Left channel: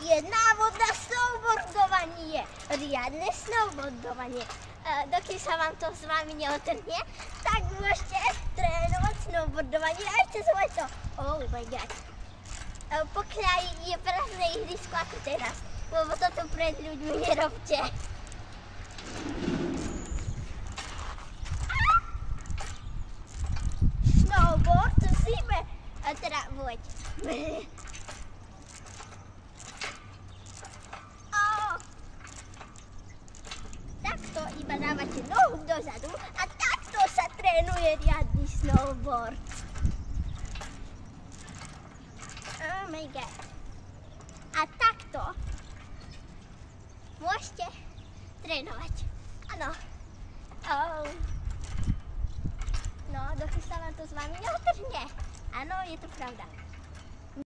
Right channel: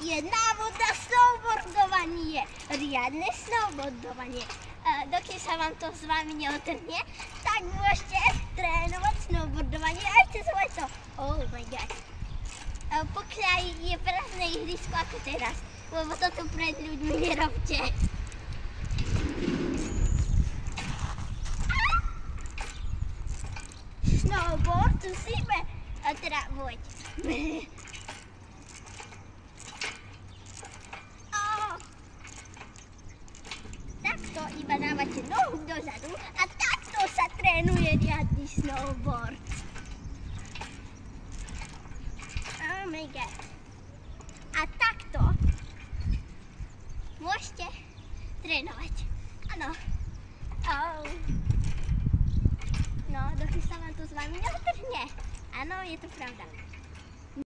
je návod na snowboardovanie. Riadne snowboardovanie. Dokým sa vám to s vami neotrhne, tak môžete trénovať snowboardovanie aj cez leto. Oh my god. Pokiaľ je prázdne ihrisko ako teraz, lebo toto pred ľuďmi nerobte. Snowboard musíme. A teda voď. Takto iba dávate nohu dozadu a takto sa trénuje riadny snowboard. Oh my god. A takto môžete trénovať. Áno. Oh. No, dokým sa vám to s vami neotrhne. Áno, je to pravda.